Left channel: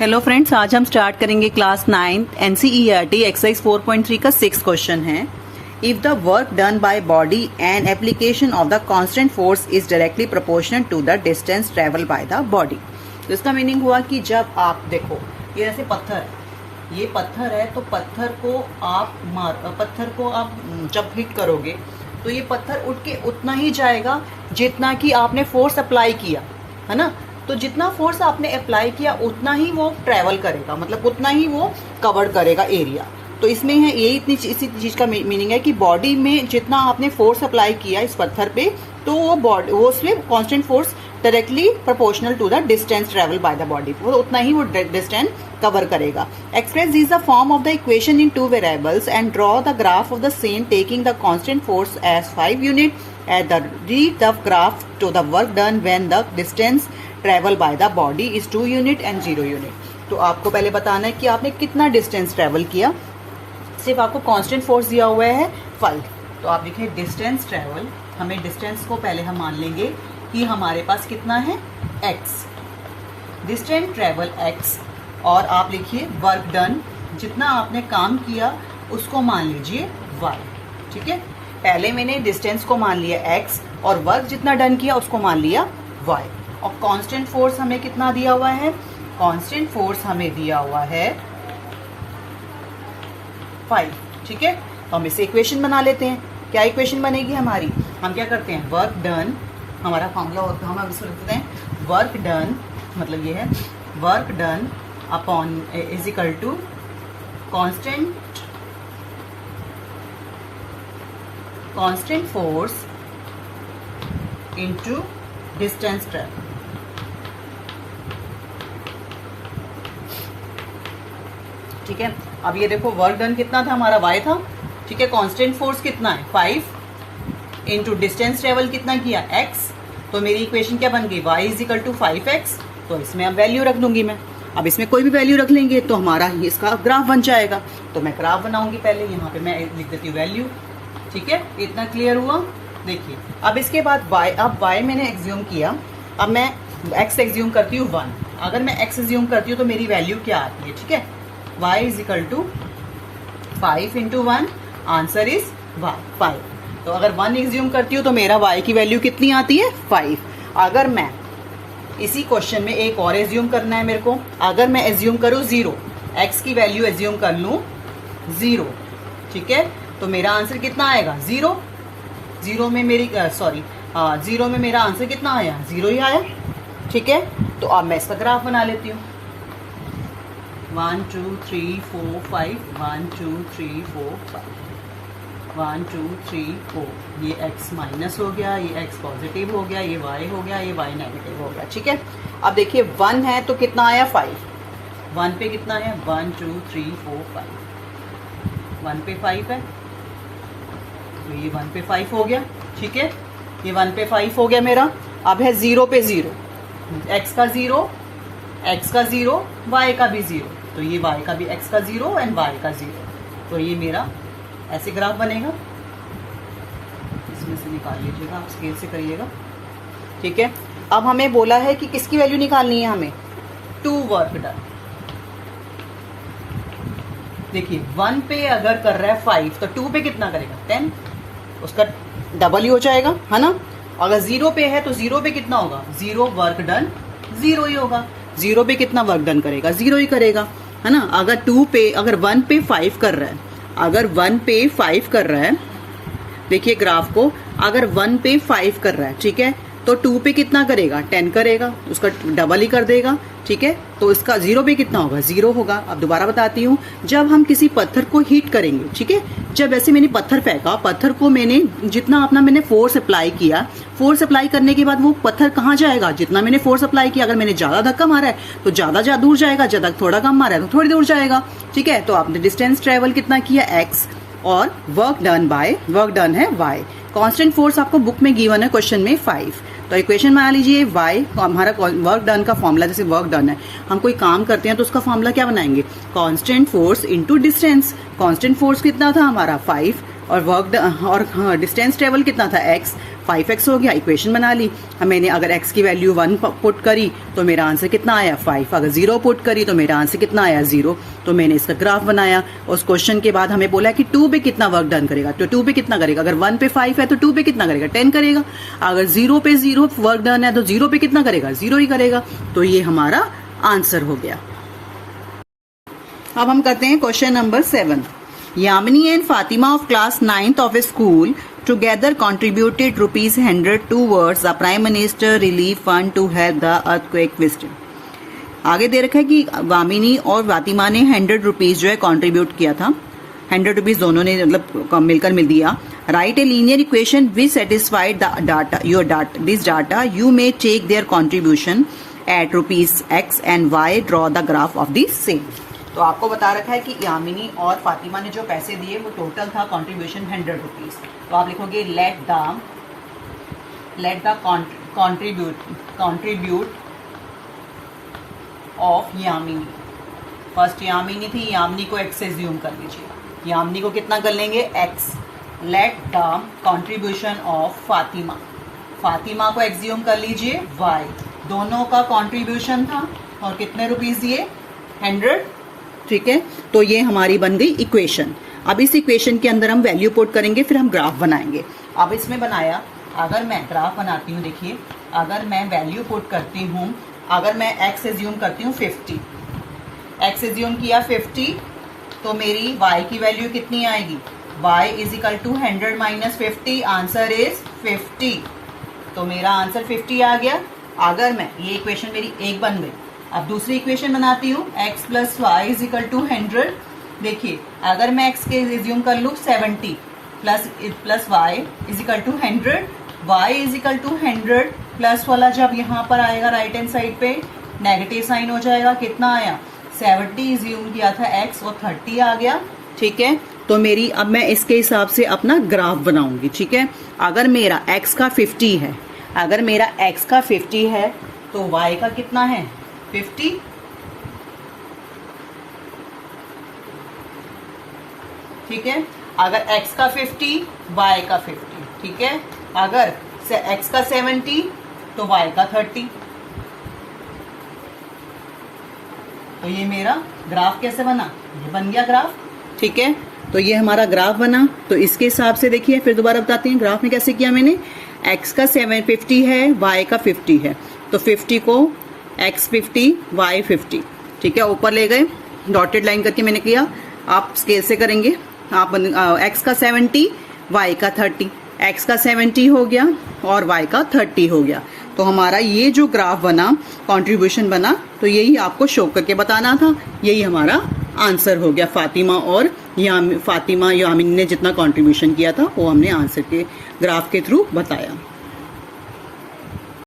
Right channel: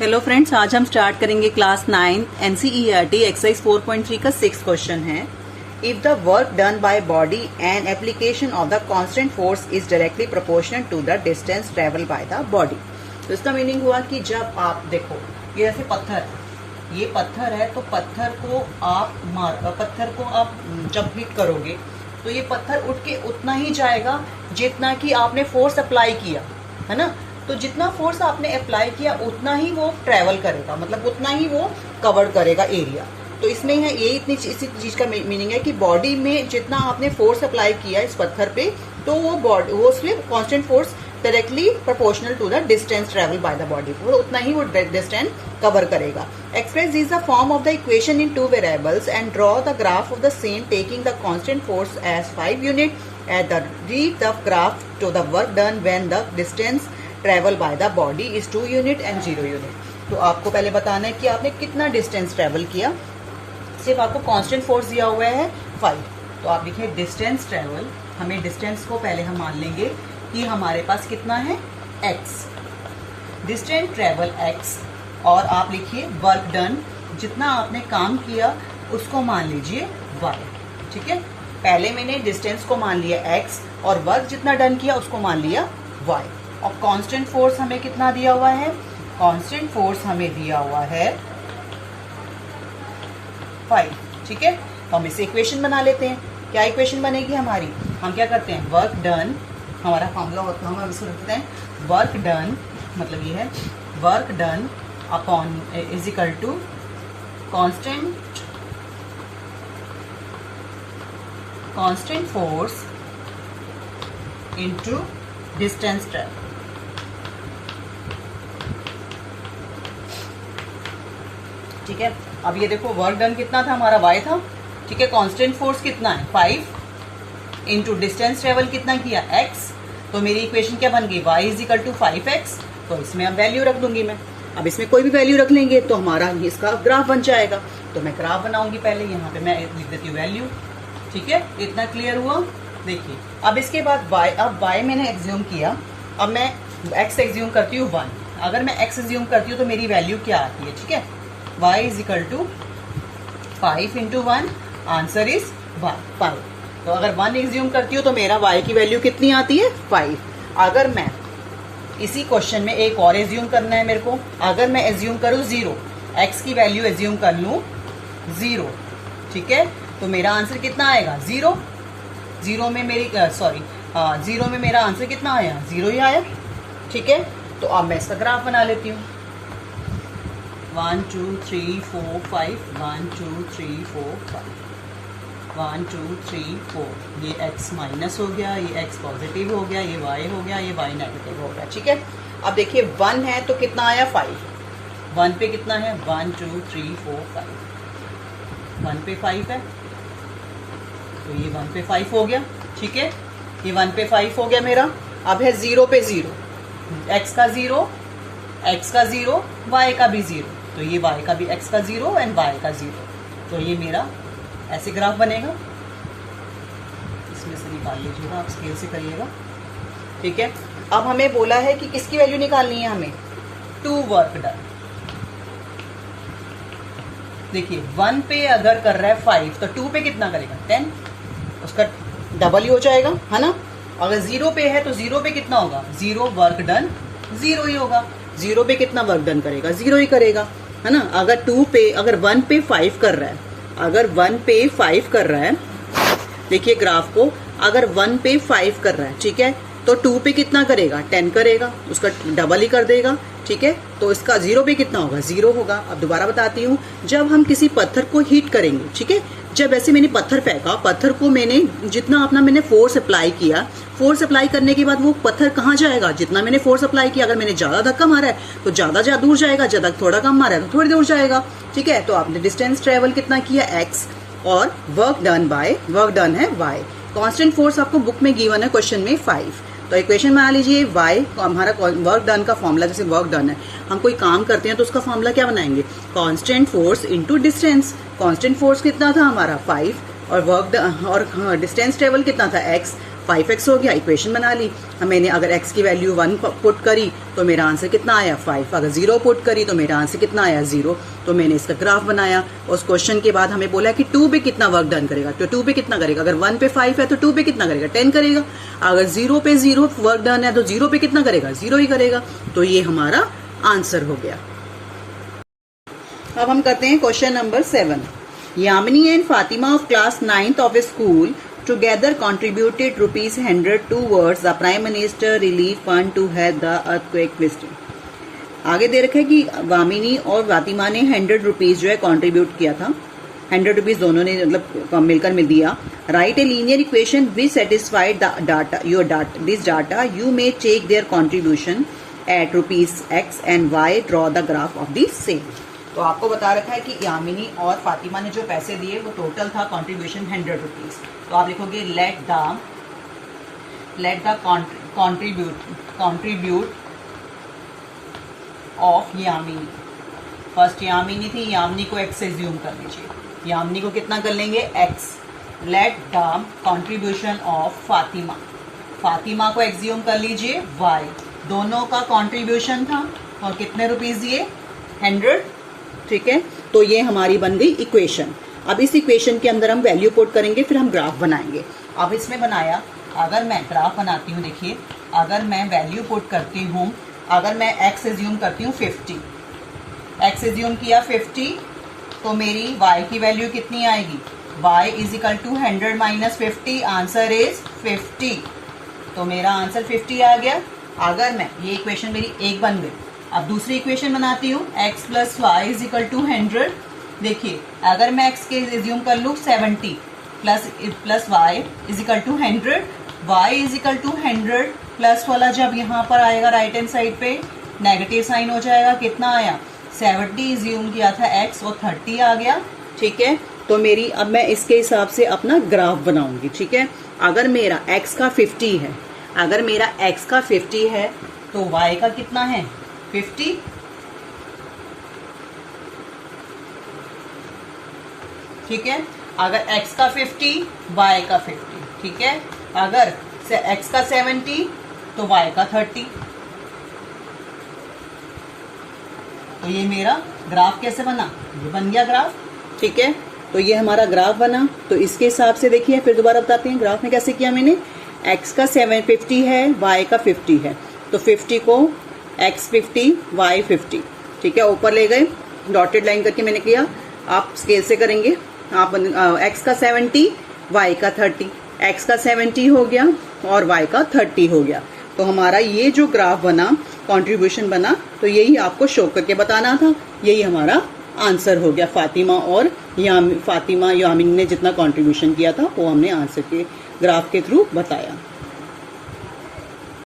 Hello friends, आज हम start करेंगे क्लास 9 एनसीईआरटी एक्सरसाइज 4.3 का 6 क्वेश्चन है। If the work done by body and application of the constant force is directly proportional to the distance travel by the body. तो इसका meaning हुआ कि जब आप देखो ये ऐसे ये पत्थर है तो पत्थर को आप जब हिट करोगे तो ये पत्थर उठ के उतना ही जाएगा जितना कि आपने फोर्स अप्लाई किया है ना। तो जितना फोर्स आपने अप्लाई किया उतना ही वो ट्रेवल करेगा, मतलब उतना ही वो कवर करेगा एरिया। तो इसमें है ये इसी चीज का मीनिंग है कि बॉडी में जितना आपने फोर्स अप्लाई किया इस पत्थर पे तो वो उसमें constant force directly proportional to the distance travel by the body, वो उतना ही वो डिस्टेंस कवर करेगा। Express this the form of the equation in 2 variables and draw the graph of the same taking the constant force as 5 unit at the read the graph to the work done when the distance travel by the body is 2 unit and 0 unit. तो आपको पहले बताना है कि आपने कितना distance travel किया। सिर्फ आपको कांस्टेंट फोर्स दिया हुआ है 5, तो आप लिखे डिस्टेंस ट्रेवल। हमें डिस्टेंस को पहले हम मान लेंगे कि हमारे पास कितना है x, डिस्टेंस ट्रेवल x, और आप लिखिए वर्क डन, जितना आपने काम किया उसको मान लीजिए y। ठीक है, पहले मैंने डिस्टेंस को मान लिया x और वर्क जितना डन किया उसको मान लिया y। और कांस्टेंट फोर्स हमें कितना दिया हुआ है? कांस्टेंट फोर्स हमें दिया हुआ है 5। ठीक है, तो हम इसे इक्वेशन बना लेते हैं। क्या इक्वेशन बनेगी हमारी? हम क्या करते हैं, वर्क डन, हमारा फॉर्मूला होता है, हम इसको लिखते हैं वर्क डन, मतलब ये है work done upon is equal to constant force into distance travel. ठीक है, अब ये देखो वर्क डन कितना था हमारा y था। ठीक है, कांस्टेंट फोर्स कितना है 5 इंटू डिस्टेंस ट्रेवल कितना किया x। तो मेरी इक्वेशन क्या बन गई, y is equal to 5x। तो इसमें अब वैल्यू रख दूंगी मैं। अब इसमें कोई भी वैल्यू रख लेंगे तो हमारा इसका ग्राफ बन जाएगा। तो मैं ग्राफ बनाऊंगी, पहले यहाँ पे मैं लिख देती हूँ वैल्यू। ठीक है, इतना क्लियर हुआ। देखिए अब इसके बाद y मैंने एज्यूम किया, अब मैं x एज्यूम करती हूँ 1। अगर मैं x एज्यूम करती हूँ तो मेरी वैल्यू क्या आती है? ठीक है, y is equal to 5 into 1, answer is 5। तो अगर 1 एज्यूम करती हूँ तो मेरा y की वैल्यू कितनी आती है 5। अगर मैं इसी क्वेश्चन में एक और एज्यूम करना है मेरे को, अगर मैं एज्यूम करूँ 0, x की वैल्यू एज्यूम कर लूँ 0, ठीक है, तो मेरा आंसर कितना आएगा 0। 0 में मेरा आंसर कितना आया 0 ही आया। ठीक है, तो अब मैं इसका ग्राफ बना लेती हूँ। 1 2 3 4 5 1 2 3 4 5 1 2 3 4। ये x माइनस हो गया, ये x पॉजिटिव हो गया, ये y हो गया, ये y नेगेटिव हो गया। ठीक है, अब देखिए 1 है तो कितना आया 5। 1 पे कितना है 1 2 3 4 5। 1 पे 5 है तो ये 1 पे 5 हो गया। ठीक है, ये 1 पे 5 हो गया मेरा। अब है 0 पे 0, x का 0, y का भी 0, तो ये y का भी x का 0 एंड y का 0। तो ये मेरा ऐसे ग्राफ बनेगा। इसमें से निकाल लीजिएगा, आप स्केल से करिएगा। ठीक है, अब हमें बोला है कि किसकी वैल्यू निकालनी है हमें, 2 वर्क डन। देखिए 1 पे अगर कर रहा है 5 तो 2 पे कितना करेगा 10, उसका डबल ही हो जाएगा, है ना। अगर 0 पे है तो 0 पे कितना होगा 0 वर्क डन 0 ही होगा। 0 पे कितना वर्क डन करेगा 0 ही करेगा, है ना। अगर 1 पे 5 कर रहा है, अगर 1 पे 5 कर रहा है, देखिए ग्राफ को, अगर 1 पे 5 कर रहा है, ठीक है, तो 2 पे कितना करेगा 10 करेगा, उसका डबल ही कर देगा। ठीक है, तो इसका 0 पे कितना होगा 0 होगा। अब दोबारा बताती हूँ, जब हम किसी पत्थर को हीट करेंगे, ठीक है, जब ऐसे मैंने पत्थर फेंका, पत्थर को मैंने जितना मैंने फोर्स अप्लाई किया, फोर्स अप्लाई करने के बाद वो पत्थर कहाँ जाएगा, जितना मैंने फोर्स अप्लाई किया। अगर मैंने ज्यादा धक्का मारा है तो ज्यादा दूर जाएगा, ज्यादा थोड़ा कम मारा है तो थोड़ी दूर जाएगा। ठीक है, तो आपने डिस्टेंस ट्रेवल कितना किया x और वर्क डन है y। कांस्टेंट फोर्स आपको बुक में गिवन है क्वेश्चन में 5। तो इक्वेशन बना लीजिए y, हमारा वर्क डन का फॉर्मूला, जैसे वर्क डन है, हम कोई काम करते हैं तो उसका फॉर्मूला क्या बनाएंगे, constant force into distance. Constant force कितना था हमारा 5 और वर्क और डिस्टेंस ट्रेवल कितना था x। 5x हो गया, इक्वेशन बना ली। मैंने अगर x की वैल्यू 1 पुट करी तो मेरा आंसर कितना आया 5। अगर 0 पुट करी तो मेरा आंसर कितना आया 0। तो मैंने इसका ग्राफ बनाया। उस क्वेश्चन के बाद हमें बोला कि 2 पे कितना वर्क डन करेगा, तो 2 पे कितना करेगा, अगर 1 पे 5 है तो 2 पे कितना करेगा 10 करेगा। अगर 0 पे 0 वर्क डन है तो 0 पे कितना करेगा 0 ही करेगा। तो ये हमारा आंसर हो गया। अब हम करते हैं question number 7। Yamini and Fatima of class 9th of a school together contributed ₹100 towards the Prime Minister Relief Fund to help the earthquake victim. आगे दे रखा है कि वामिनी और फातिमा ने 100 रुपीज जो है कंट्रीब्यूट किया था। 100 रुपीज दोनों ने मतलब मिलकर मिल दिया। Write a linear equation which satisfied the data your data this data you may take their contribution at ₹X and Y draw the graph of the same. तो आपको बता रखा है कि यामिनी और फातिमा ने जो पैसे दिए वो टोटल था कंट्रीब्यूशन 100 रुपीज। तो आप लिखोगे let the contribute of Yamini. First Yamini थी, यामिनी को x से ज्यूम कर लीजिए। यामिनी को कितना कर लेंगे x। Let the contribution of Fatima, Fatima को x ज्यूम कर लीजिए y। दोनों का कंट्रीब्यूशन था और कितने रुपीज दिए 100। ठीक है, तो ये हमारी बन गई इक्वेशन। अब इस इक्वेशन के अंदर हम वैल्यू पुट करेंगे, फिर हम ग्राफ बनाएंगे। अब इसमें बनाया, अगर मैं ग्राफ बनाती हूँ, देखिए अगर मैं वैल्यू पुट करती हूँ, अगर मैं x एज्यूम करती हूँ 50, x एज्यूम किया 50, तो मेरी y की वैल्यू कितनी आएगी, y is equal to 100 minus 50, answer is 50। तो मेरा आंसर 50 आ गया। अगर मैं ये इक्वेशन मेरी एक बन गई। अब दूसरी इक्वेशन बनाती हूँ, x plus y is equal to 100। देखिए अगर मैं x के एज्यूम कर लूँ 70 plus y is equal to 100, y is equal to 100 plus वाला जब यहाँ पर आएगा राइट हैंड साइड पे नेगेटिव साइन हो जाएगा। कितना आया 70 एज्यूम किया था x और 30 आ गया। ठीक है, तो मेरी अब मैं इसके हिसाब से अपना ग्राफ बनाऊंगी। ठीक है, अगर मेरा x का 50 है, अगर मेरा x का 50 है तो y का कितना है 50। ठीक है, अगर x का 50 y का 50। ठीक है, अगर x का 70 तो y का 30। तो ये मेरा ग्राफ कैसे बना, ये बन गया ग्राफ। ठीक है, तो ये हमारा ग्राफ बना। तो इसके हिसाब से देखिए, फिर दोबारा बताते हैं ग्राफ में कैसे किया मैंने। x का 750 है, y का 50 है, तो 50 को x 50 y 50। ठीक है, ऊपर ले गए, डॉटेड लाइन करके मैंने किया। आप स्केल से करेंगे, आप x का 70 y का 30, x का 70 हो गया और y का 30 हो गया। तो हमारा ये जो ग्राफ बना, कंट्रीब्यूशन बना, तो यही आपको शो करके बताना था। यही हमारा आंसर हो गया। फातिमा यामिनी ने जितना कंट्रीब्यूशन किया था वो हमने आंसर के ग्राफ के थ्रू बताया।